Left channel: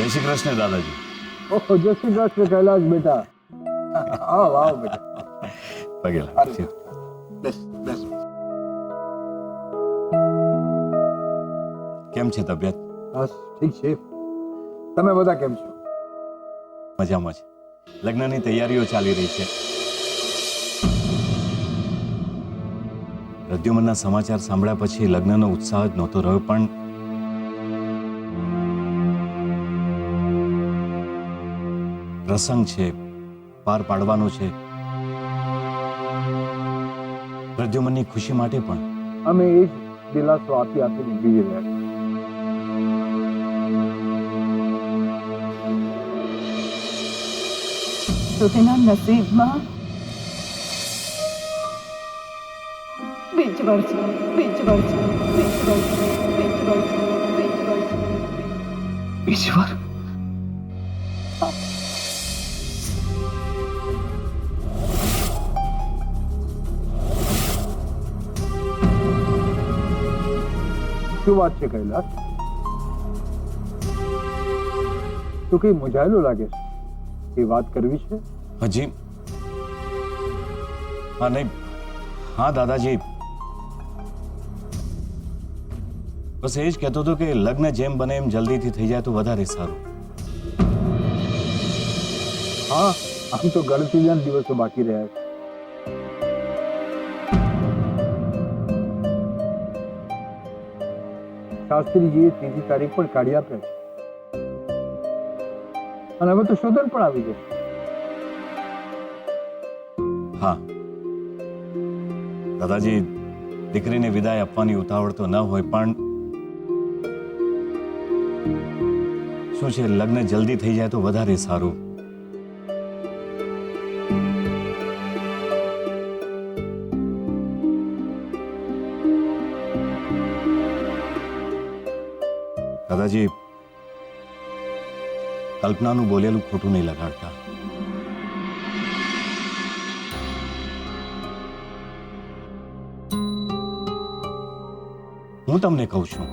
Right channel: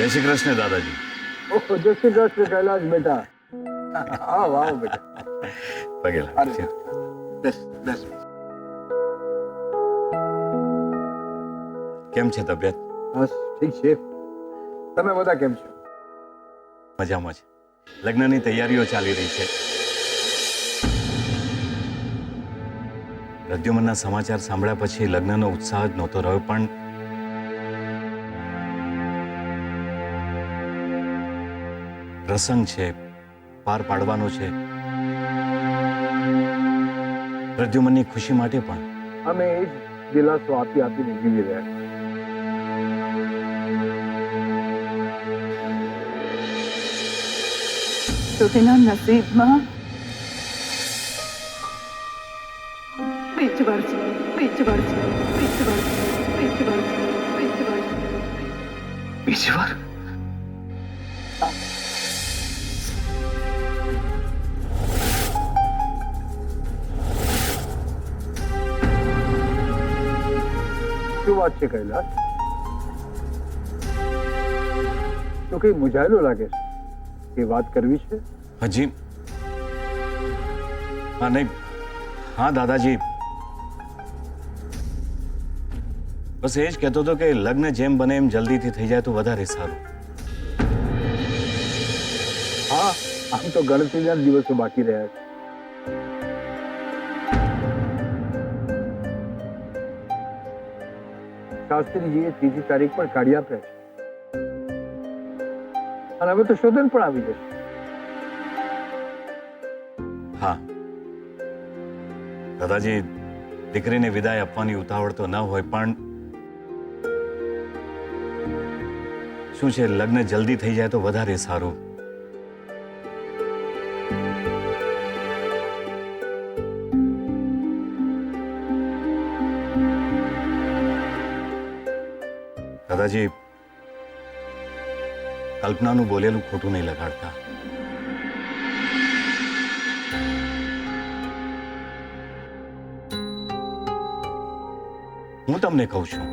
જય શ્રી કૃષ્ણ દાદાજી. ઓહો, જય શ્રી કૃષ્ણ કૈલાશ બેટા. આવ આવ બેટા. પગે લાગો. બેસ બેસ. કેમ છે તબિયત? બસ ઠીક છે. તમે બધા કેમ છો? મજામાં છે. લગ્નની તૈયારીઓ ચાલી રહી છે. પ્રદ્યુમનના સમાચાર સાંભળ્યા પછી લગ્નનો ઉત્સાહ જ નહોતો રહ્યો, પણ પ્રસંગ છે, પાર પાડવાનો છે. પ્રદ્યુમનની ખુશી માટે પણ અમે એ જ દિલાસો આપી આપીને જીવી રહ્યા છીએ. તો તેના નસીબમાં બીજ વર્ષ બીજ વર્ષ બીજ વર્ષ બીજ વર્ષ બીજ વર્ષ બીજી વાર શું વાત છે કૈલાશ? તું કઈ મૂંઝાયેલો લાગે છે? એ વાત કરવી છે? હજી હા નહીં, હા દાદાજી, બસ એ જ કહેતો હતો કે લગ્ન જેમ બને એમ જલ્દીથી થઈ જાય તો વધારે સારું. હા, આમ તો ગણતરીના જ દિવસો બાકી રહ્યા છે. શાસ્ત્રીજીએ ત્રીજી તારીખ પણ કાઢી આપે છે અને હવે તો શોધન પણ આવી જશે. હા દાદાજી, દીકરીને વિદાય આપવાની ઉતાવળ તો ન હોય, પણ શું છે, લગ્ન જલ્દી થઈ જાય તો વધારે સારું. દાદાજી, કલ્પનાનું બોલેલું ખોટું નહીં લગાડતા. હું તમને કહું છું,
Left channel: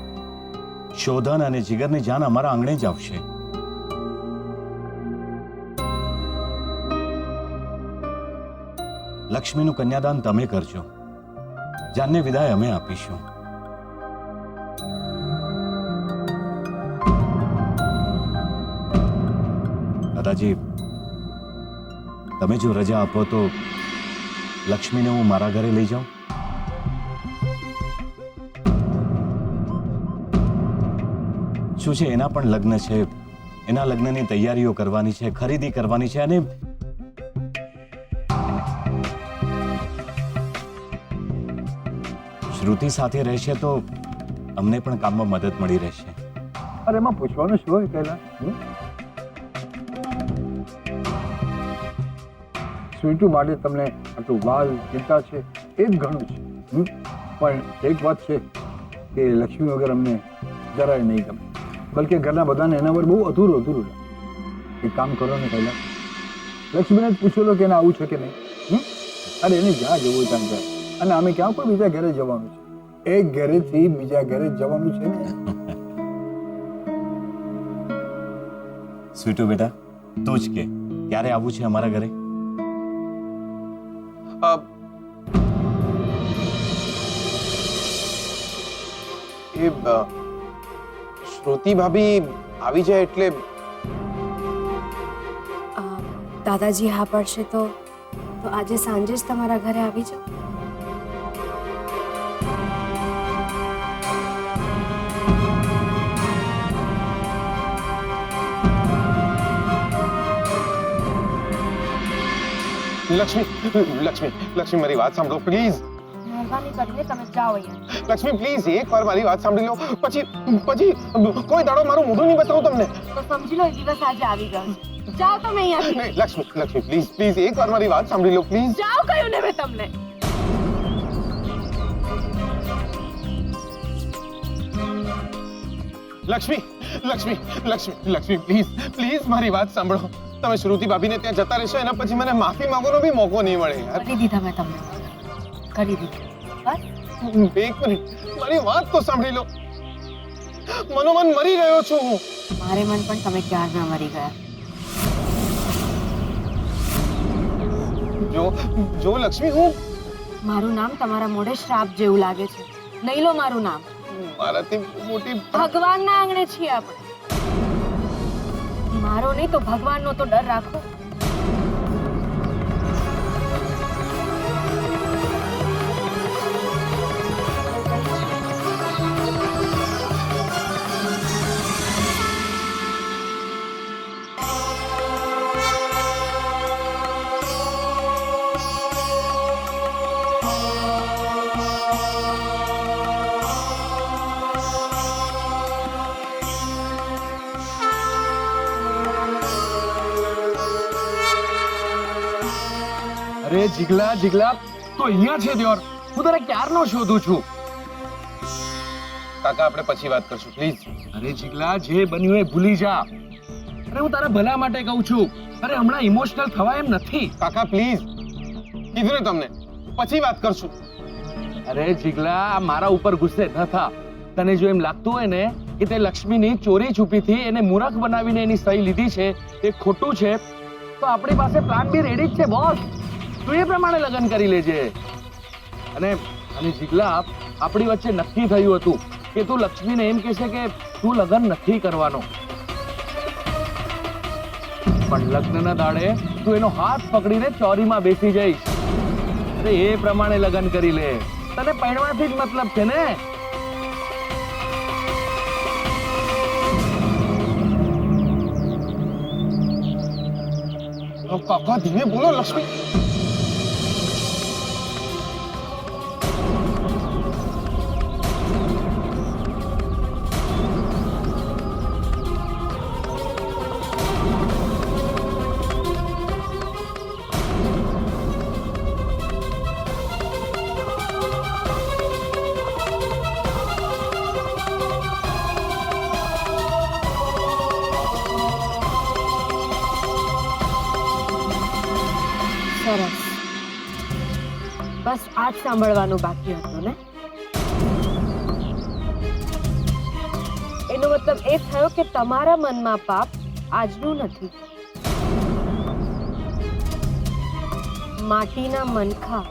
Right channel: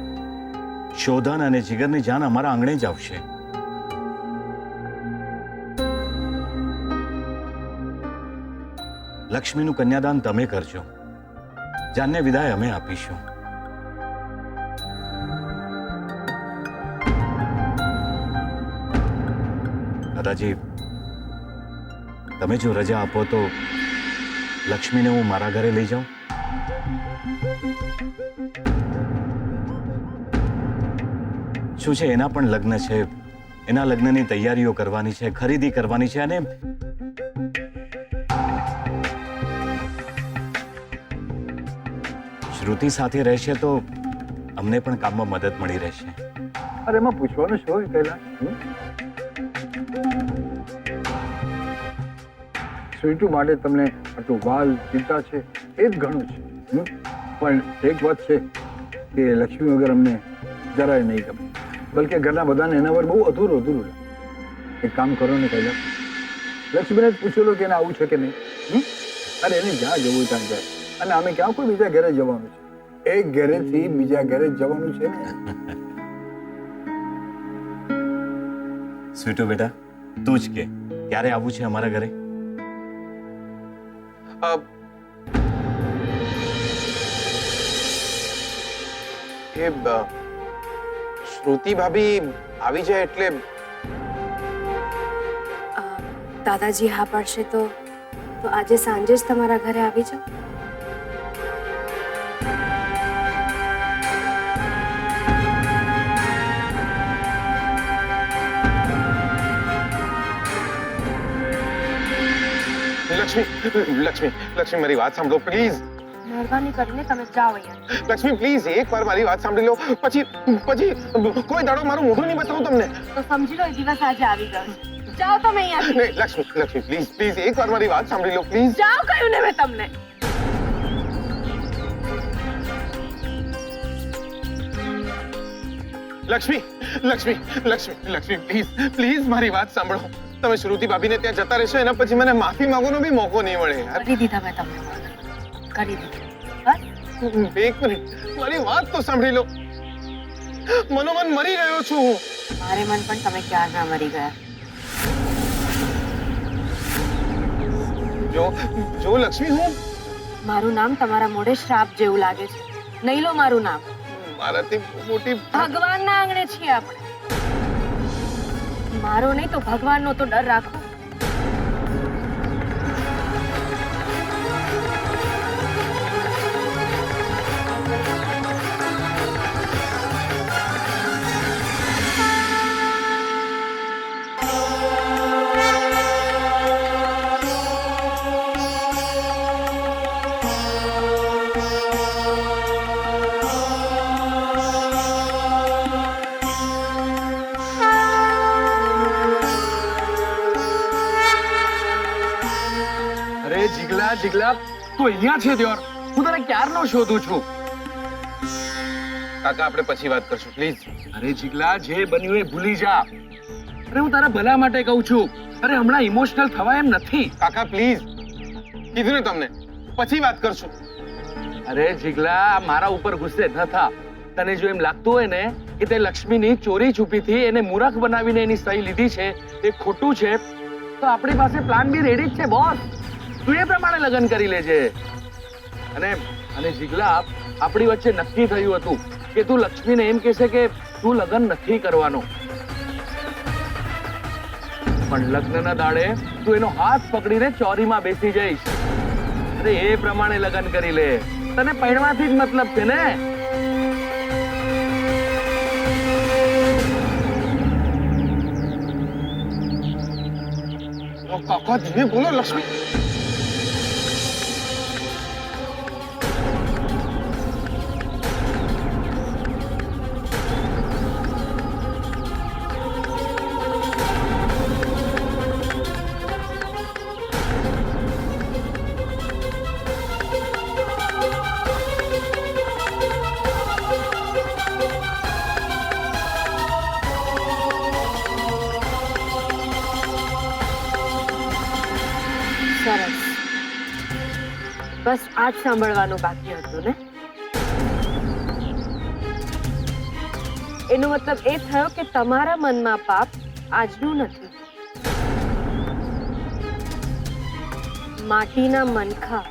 શોધન અને જીગરની જાન અમારા આંગણે જ આવશે. લક્ષ્મીનું કન્યાદાન તમે કરજો, જાનને વિદાય અમે આપીશું. દાદાજી, તમે જો રજા આપો તો લક્ષ્મીને હું મારા ઘરે લઈ જાઉં. શું છે, એના પણ લગ્ન છે, એના લગ્નની તૈયારીઓ કરવાની છે, ખરીદી કરવાની છે, અને શ્રુતિ સાથે રહેશે તો અમને પણ કામમાં મદદ મળી રહેશે. અરે એમાં પૂછવાનું શું હોય કૈલાશ? સ્વીટુ માટે તમને આટલું વાલ ચિંતા છે એ જ ઘણું છે. પણ એક વાત છે કે લક્ષ્મી વગર અમને જરાય નહીં ગમે, બલકે ઘરના બધાને એના વગર બહુ અધૂરું લાગે. એક કામ કરો ને કૈલાશ, લક્ષ્મીને જ પૂછી લો કે એને આવું છે કે નહીં. અરે એને જ્યાં જવું ત્યાં જાય, અને અમે ક્યાં કોઈ બીજા ઘરે જવાનું છે? એક ઘરેથી બીજા ઘરે જવાનું છે ને. સ્વીટુ બેટા, તું જ કે ક્યારે આવવું છે અમારા ઘરે? એ શ્રુતિ ભાભી આવી જાય એટલે દાદાજી હા પડશે તો આજે સાંજે જ તમારા ઘરે આવી જાઓ. લક્ષ્મી મારી વાત સાંભળો પ્લીઝ. મહેરબાની કરીને તમે જાઓ અહીંયા. લક્ષ્મી પ્લીઝ એકવાર મારી વાત સાંભળી લો, પછી કોઈ દાડો મારું મોઢું નહીં બતાવું તમને. તો સમજી લો એ દિવસ આજે આવી ગયો. જાઓ તમે અહીંયાથી. નહીં લક્ષ્મી પ્લીઝ એકવાર મારી વાત સાંભળી લો પ્લીઝ. જાઓ કહ્યું ને મેં તમને. લક્ષ્મી પ્લીઝ મારી વાત સાંભળો. તમે શ્રુતિ ભાભીને ત્યાં જતા રહેશો, એના પછી મને માફી માંગવાનો બી મોકો નહીં મળે યાર. કરી દીધા મેં તમને કરી દીધું. બસ એક મિનિટ મારી વાત તો સાંભળી લો. મનોમન મરી રહ્યો છું હું. મારે મન પણ તમે ક્યારના મરી ગયા. જો લક્ષ્મી, હું મારું નામ તમારા મોઢે શ્રાપ જેવું લાગે છે. નહીં લો મારું નામ. મારાથી મોટી ભગવાનના આંગણે છીએ આપણે. મારો નહીં તો ભગવાનનો તો ડર રાખો. અરે જીગલા જીગલા, તું અહીંયા છે દ્યોર. હું તને ક્યારનો શોધું છું. કાકા, આપણે પછી વાત કરશું પ્લીઝ. અરે જીગલા, જે બન્યું એ ભૂલી જા. અરે હું તારા ભલા માટે કહું છું. અરે હમણાં ઇમોશનલ થવાય એમ નથી. કાકા પ્લીઝ, કીધું ને તમને, પછી વાત કરશું. અરે જીગલા, મારા ઉપર ગુસ્સે ન થા. તને જો એમ લાગતું હોય ને કે તે લક્ષ્મીની ચોરી છુપીથી એને મૂરખ બનાવીને એની સહી લીધી છે એ ખોટું છે, તો આપણી પાસે પ્લાન બી રેડી જ છે બોસ. તું એ પ્રમાણે લગ્ન કરી લેજે. અને જીગલા, આપણી વચ્ચે નક્કી થયું હતું કે તું લક્ષ્મીને એમ કહેશે કે તું લગ્ન નથી કરવાનો, પણ લગ્નના દાડે તું એનો હાથ પકડીને ચોરીમાં બેસી જઈશ. અરે એ પ્રમાણે લગ્ન કરી લે. તને પરણવાથી જ મતલબ છે ને. કાકા ધીમે બોલો લક્ષ્મી. સરસ. બસ આજ સાંભળવાનું બાકી હતું ને? એનો મતલબ એ થયો કે તમારા મનમાં પાપ આજનું નથી. માટીના મનખા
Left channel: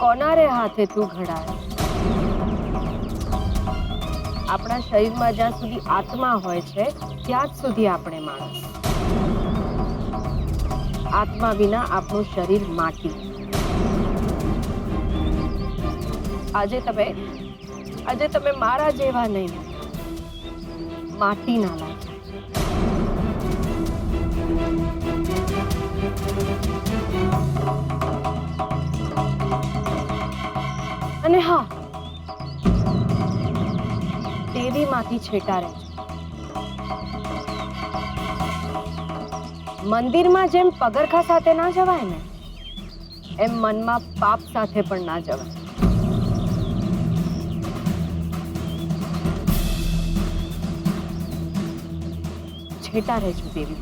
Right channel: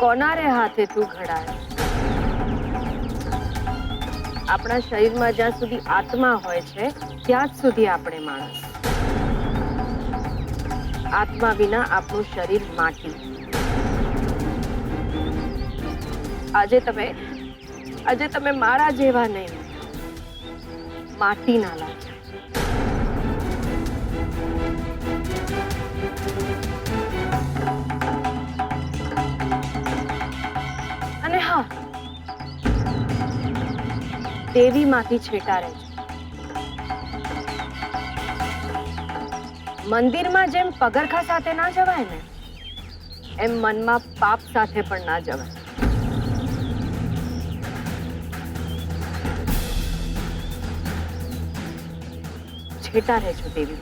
કોનારે હાથે તું ઘડાયો. આપણા શરીરમાં જ્યાં સુધી આત્મા હોય છે ત્યાં જ સુધી આપણે માણસ. આત્મા વિના આપણું શરીર માટી. આજે તમે મારા જેવા નહીં, માટીના લાગ્યા. અને હા, દેવીમાંથી છેટા રહેજો. મંદિરમાં જેમ પગરખા સાથે ના જવાય ને, એમ મનમાં પાપ સાથે પણ ના જવાય. છેટા રહેજો દેવી.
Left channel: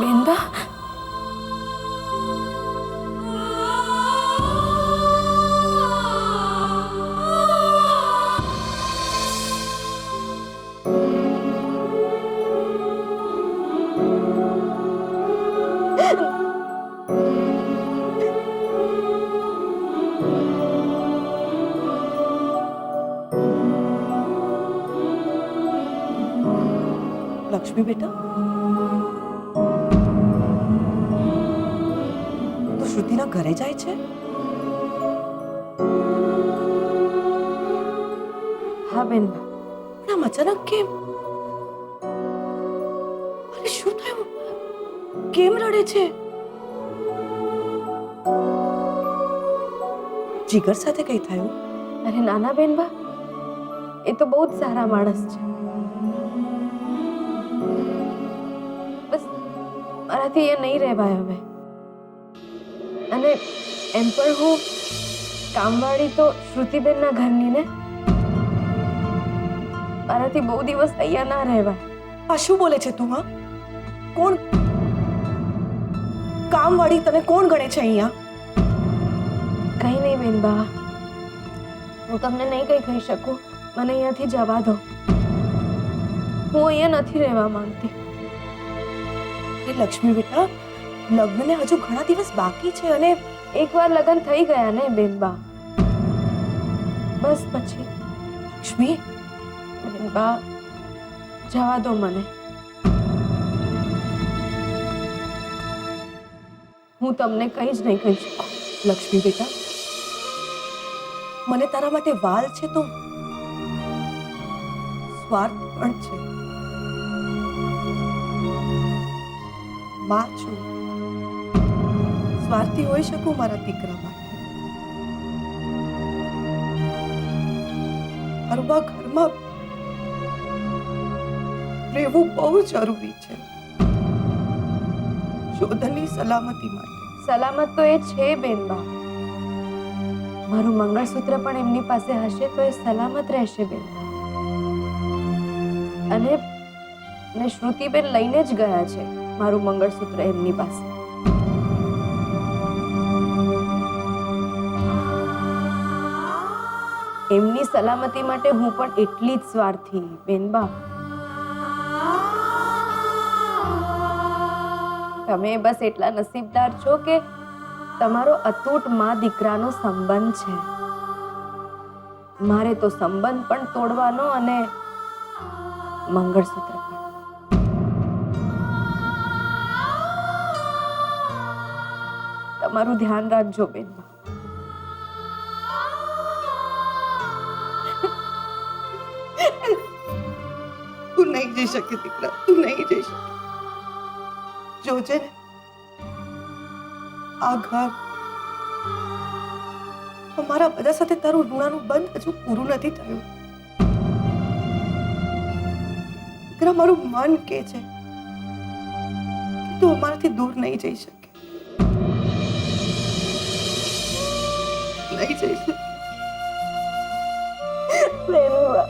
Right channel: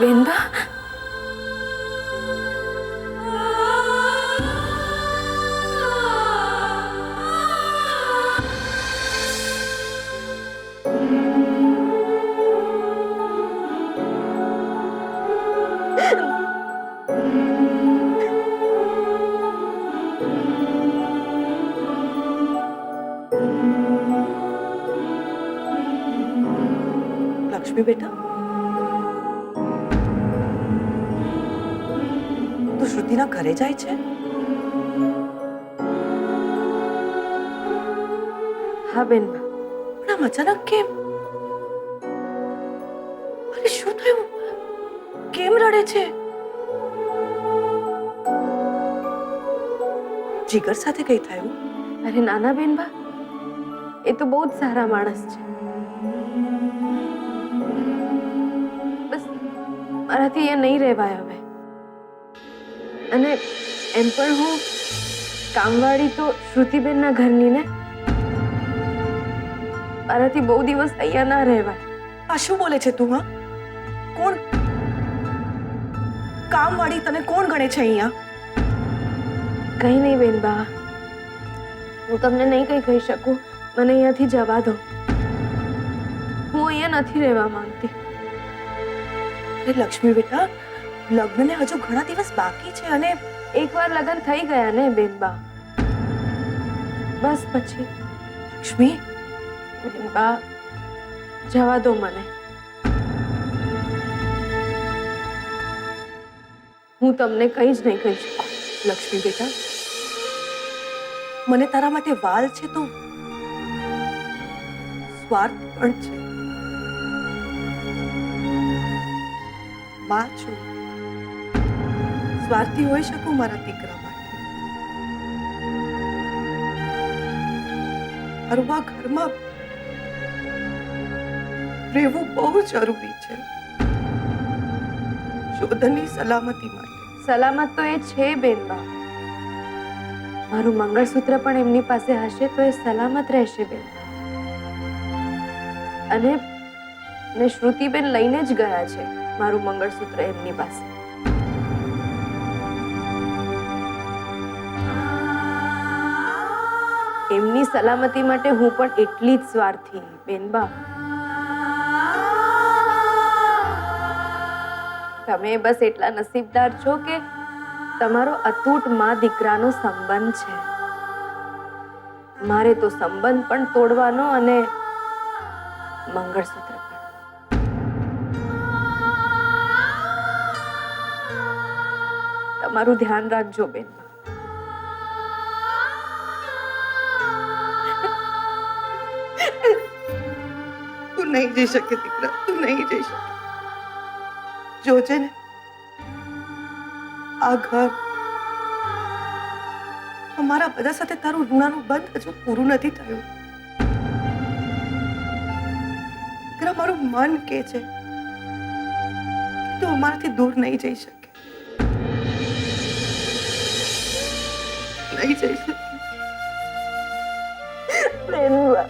વેંદા, લક્ષ્મી બેટા, તું શ્રુતિના ઘરે જાય છે? હા બેન, પણ આમ અચાનક કેમ? અરે શું થયું? કેમ રડે છે? જીગર સાથે કઈ થયું? અરે નાના બેનબા, એ તો બહુ જ સારા માણસ છે. બસ મારાથી એ નહીં રહેવાય હવે. અને એમ પણ હું કામવાળી તો શ્રુતિબેનના ઘરની ને. મારાથી બહુ દિવસ અહીંયા ના રહેવાય. આ શું બોલે છે તું? હા, કોણ કામવાળી? તને કોણ ગણે છે અહીંયા? કઈ નહીં બેનબા, હું તમને નહીં કઈ કહી શકું. મને અહીંયાથી જવા દો. હું અહીંયા નથી રહેવા માંગતી. અરે લક્ષ્મી બેટા, લગ્નને હજુ ઘણા દિવસ બાકી છે અને એકવાર લગ્ન થઈ ગયા ને બેનબા, બસ પછી. લક્ષ્મી, બેનબા જવા દો મને. હું તમને કંઈ જ નહીં કહી શકું. લક્ષ્મી બેટા, મને તારા માટે વાલ છે તો સ્વાર્થ પણ છે. માં છું, સ્વાર્થી હોઈ શકું મારા દીકરા માટે. અરવા ઘરમાં રહેવું બહુ જરૂરી છે, શોધનની સલામતી માટે. સલામત તો એ છે બેનબા. મારું મંગળસૂત્ર પણ એમની પાસે હશે તો એ સલામત રહેશે બેનબા. અને શ્રુતિબેન લઈને જ ગયા છે મારું મંગળસૂત્ર એમની પાસે. એમની સલામતી માટે હું પણ એટલી જ સ્વાર્થી બેનબા. તમે બસ એટલા નસીબદાર છો કે તમારો અતૂટ માં દીકરાનો સંબંધ છે. મારે તો સંબંધ પણ તોડવાનો અને મંગળસૂત્ર પણ. તમારું ધ્યાન રાખજો બેનબા. તું નહીં જઈ શકે દીકરા, તું નહીં જઈ શકે. જોજે ને, આ ઘર, અમારા બધા સાથે તારું ઋણાનું બંધ હજુ પૂરું નથી થયું. દીકરા, મારું મન કહે છે કે તું અમારાથી દૂર નહીં જઈ શકે. નહીં જઈ શકે. બેનબા,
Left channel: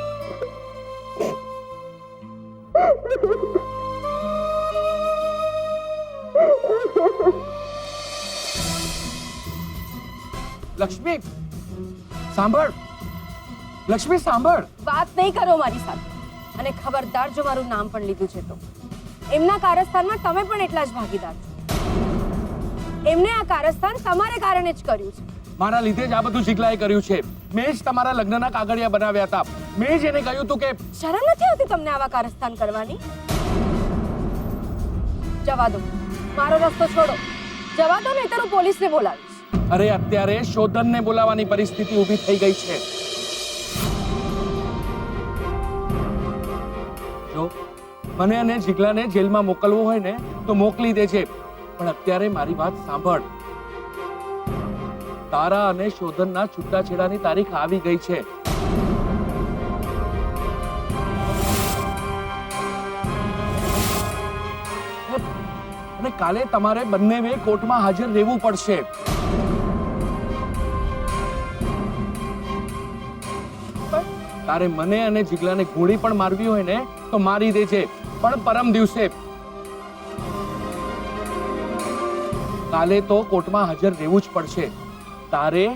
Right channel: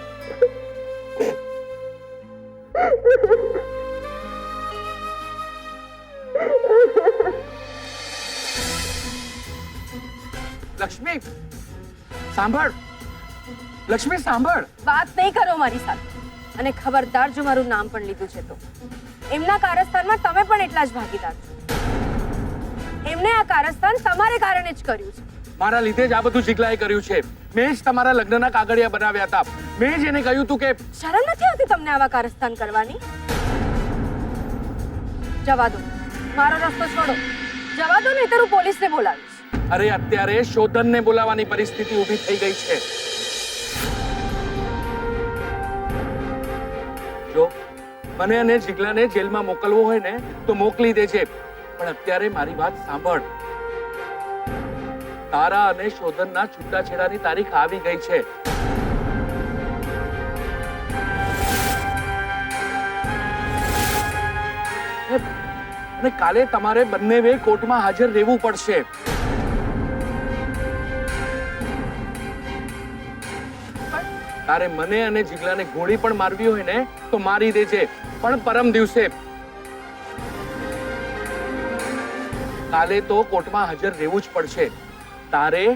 લક્ષ્મી સાંભળ, લક્ષ્મી સાંભળ. વાત નહીં કરો મારી સાથે. અને ખબરદાર જો મારું નામ પણ લીધું છે તો એમના કારસ્તાનમાં તમે પણ એટલા જ ભાગીદાર છો. એમને આ કારસ્તાન તમારે કારણે જ કર્યું છે. મારા લીધે જ આ બધું જીગલાએ કર્યું છે. મેં જ તમારા લગ્નના કાગળિયા બનાવ્યા હતા. મેં જ એને કહ્યું હતું કે શરમ નથી આવતી તમને આવા કારસ્તાન કરવાની? જવા દો, મારો રસ્તો છોડો. જવા દો, નહીંતર હું પોલીસને બોલાવીશ. અરે અત્યારે શોધનને બોલાવવાની પરિસ્થિતિ ઊભી થઈ ગઈ છે. જો મને અને જીગલાને જેલમાં મોકલવો હોય ને તો મોકલી દેજે, પણ અત્યારે મારી વાત સાંભળ. તારા અને શોધનના છૂટાછેડાની તારીખ આવી ગઈ છે. અને કાલે તમારે બંનેવે કોર્ટમાં હાજર રહેવું પડશે. તારે મને અને જીગલાને ગોળી પણ મારવી હોય ને તો મારી દેજે, પણ પરમ દિવસે. કાલે તો કોર્ટમાં હાજર રહેવું જ પડશે, તારે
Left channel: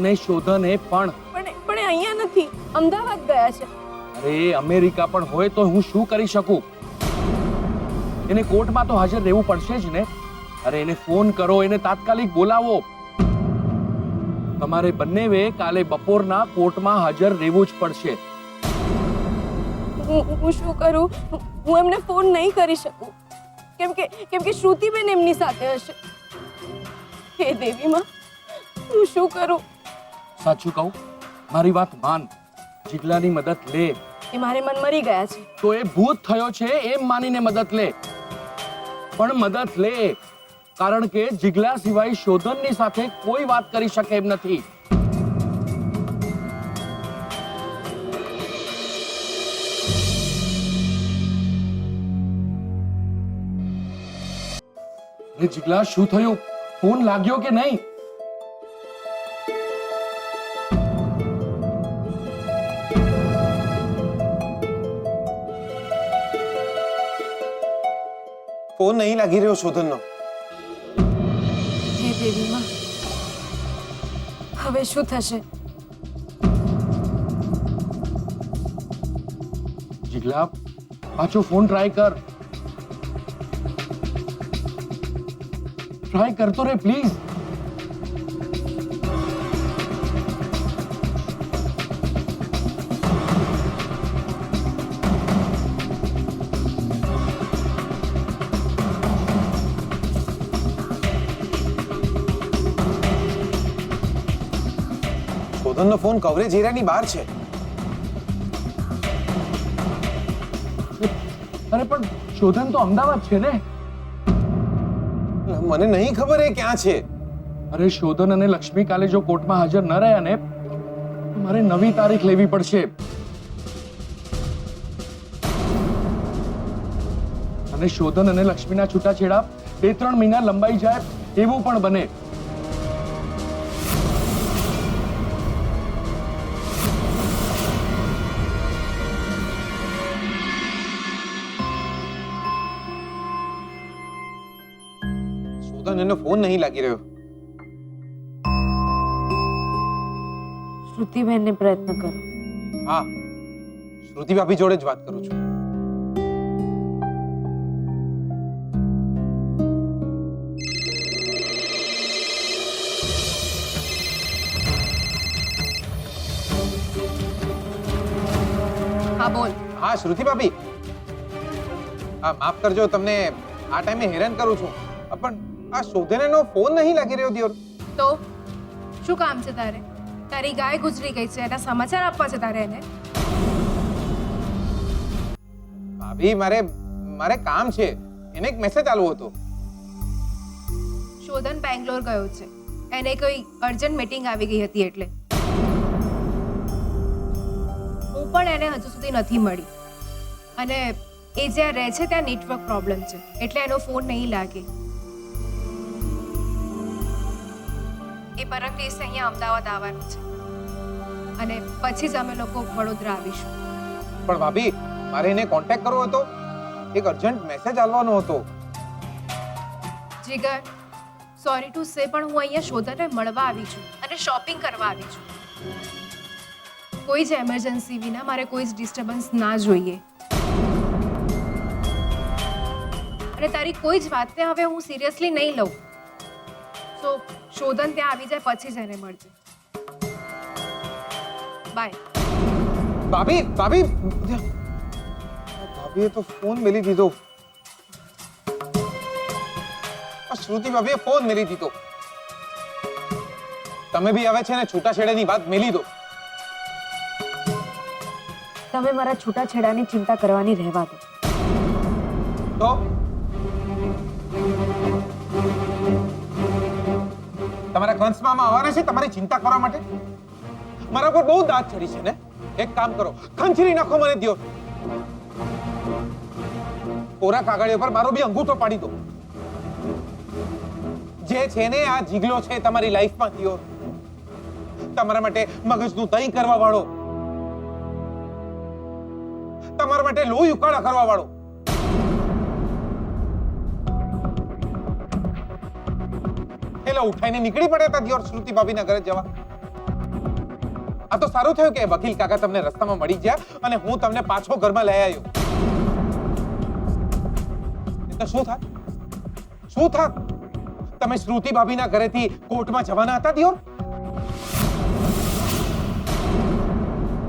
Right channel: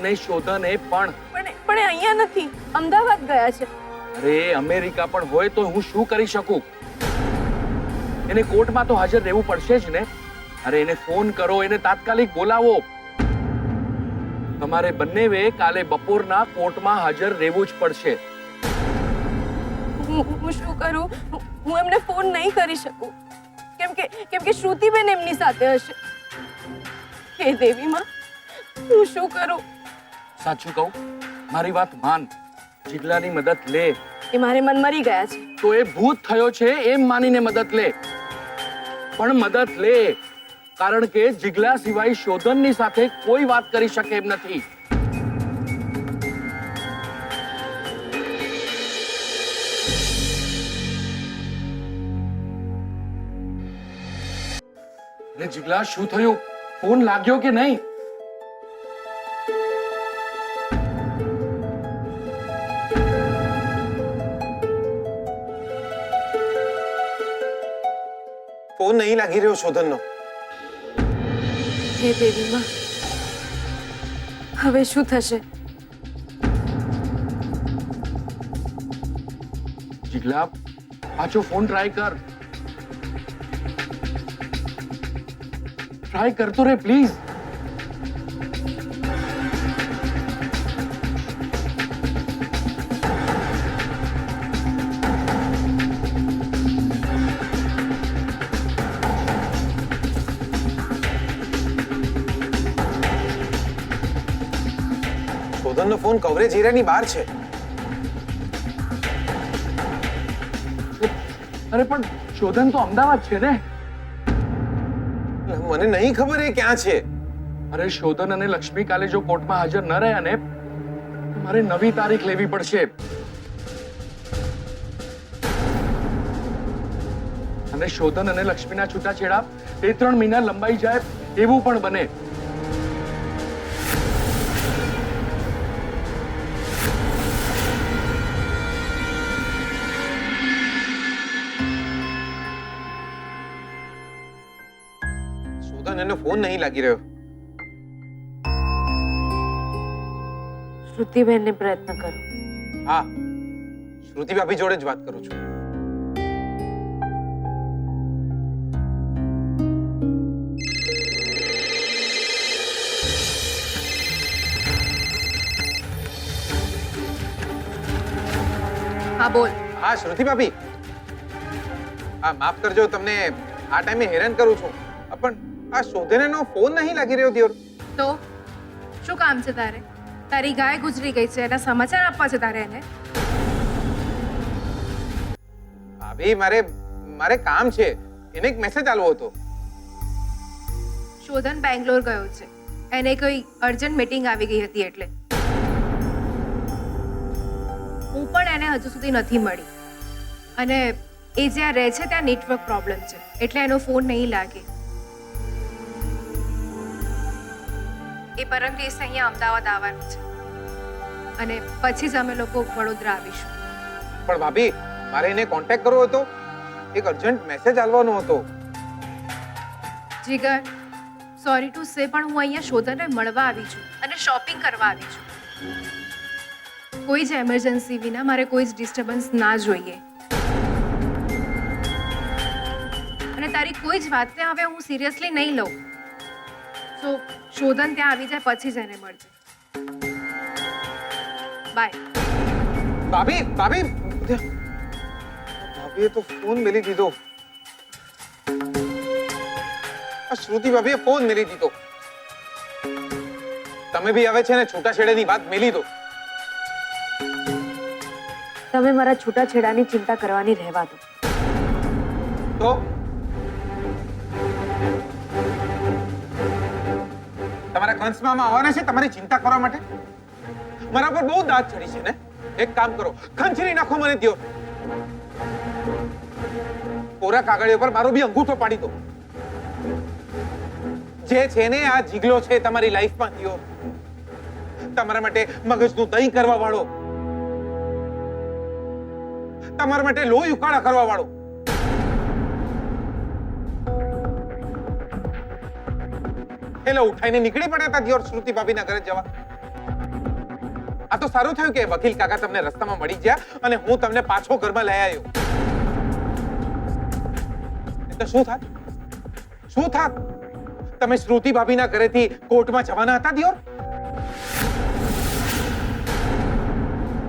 અને શોધને પણ. પણ અહીંયા નથી, અમદાવાદ ગયા છે. અરે અમેરિકા પણ હોય તો હું શું કરી શકું? એને કોર્ટમાં તો હાજર રહેવું પડશે જ ને. અરે એને ફોન કરો, એને તાત્કાલિક બોલાવો. તમારે બંનેવે કાલે બપોરના કોર્ટમાં હાજર રહેવું જ પડશે. હું શું કરું? હું એમને ફોન નહીં કરી શકું કેમ કે શ્રુતિબેન એમની સાથે હશે. હે દેવી માં, હું શું કરું? સાચું કહું, મારી વાત માન. જીગલાની મદદ લે. એ મારે મન મરી ગયા છે. તો એ ભૂત થયો છે એમ માનીને મદદ લે, પણ મદદ લે. કારણ કે જીગલા સિવાય શોધનની સાથે કોઈ વાત કરી શકે એમ નથી. અરે જીગલા, શું થયું? ફોન લાગ્યો કે નહીં? ફોન નહીં લાગી રહ્યો શોધનનો. હે દેવી માં, હવે શું થશે? જીગલા, પાછો ફોન ટ્રાય કર. ટ્રાય કરતો રે પ્લીઝ. શોધનનો ફોન કવરેજ એરિયાની બહાર છે. અરે પણ શોધન તો અમદાવાદ છે ને. મને નહીં ખબર એ ક્યાં છે. અરે શોધન અને લક્ષ્મી કાલે જો કોર્ટમાં હાજર ન રહ્યા ને, મારે નવી તારીખ લેવી પડશે. અને શોધન અને લક્ષ્મીના છૂટાછેડા 2-3 મહિના લંબાઈ જાય એવું પણ બને. શોધન એનો ફોન નહીં લાગી રહ્યો. શ્રુતિબેનને પ્રયત્ન કરો. હા, શ્રુતિ ભાભી જોડે જ વાત કરું છું. હા બોલ. હા શ્રુતિ ભાભી, હા માફ કરજો તમને આ ટાઈમે હેરાન કરું છું, પણ આ શોધનનો ફોન નહીં લાગી રહ્યો દિયોર. તો શું કામ છે તારે? તારી ગાય ગુજરી ગઈ છે, એના સમાચાર આપવા છે તારે એને? ભાભી મારે કામ છે, એને એક મેસેજ આલવો હતો. શોધન બેંગ્લોર ગયો છે, એને કોઈ અર્જન્ટ મીટિંગ આવી ગઈ હતી એટલે. હું પણ એને હજુ સુધી નથી મળી, અને એ જ્યાં રહે છે ત્યાં નેટવર્ક પ્રોબ્લેમ છે એટલે એનો ફોન નહીં લાગે. એ પરમ દિવસે અહીંયા અમદાવાદ આવવાનું છે અને પછી જ અમે લોકો વડોદરા આવીશું. પણ ભાભી મારે એને કોન્ટેક્ટ કરવો હતો, એક અર્જન્ટ મેસેજ આલવાનો હતો. જીગર, સોરી ટુ સે પણ હું અહીંયા શોધનને મળવા આવી છું અને શોપિંગ કરવા આવી છું. કોઈ જ એમરજન્સી વિના મારે કોઈ જ ડિસ્ટર્બન્સ ના જોઈએ. અને તારી કોઈ જ વાતને હવે હું સિરિયસલી નહીં લઉં. સો શોધન ત્યાં આવી જાય પછી જ એને મળજે. બાય. ભાભીએ તો ફોન મેલી દીધો. શ્રુતિ ભાભીએ ફોન મેલી દીધો. તમે બી હવે છે ને છૂટાછેડાની વાત મેલી દો. તમે મારા છૂટાછેડાની ચિંતા કરવાની રહેવા દો. તો તમારા કંસમાં આવવાના છે તમારી ચિંતા કરવા માટે? મારા પર બહુ દાંત ચડી છે ને. એક કામ કરો, ખંચરી નાખો મને દ્યો. કોરા કાગળિયા પર મારો બી અંગૂઠો પાડી દો. જે છે ને આ જીગલો છે તમારી લાઈફમાં દ્યો. તમારા માટે મગજનું દહીં કરવા વાળો, તમારા માટે લોહી ઉકાળા કરવા વાળો. એટલે ઉઠાઈને નીકળી પડ્યા હતા દિયોર શ્રુતિ ભાભીના ઘરે જવા. આ તો સારું થયું કે વકીલ કાકા તમને રસ્તામાં મળી ગયા અને હું તમને પાછો ઘરમાં લઈ આવ્યો. તો શું થાત? તમે શ્રુતિ ભાભીના ઘરેથી કોર્ટમાં જવાના હતા દિયોર?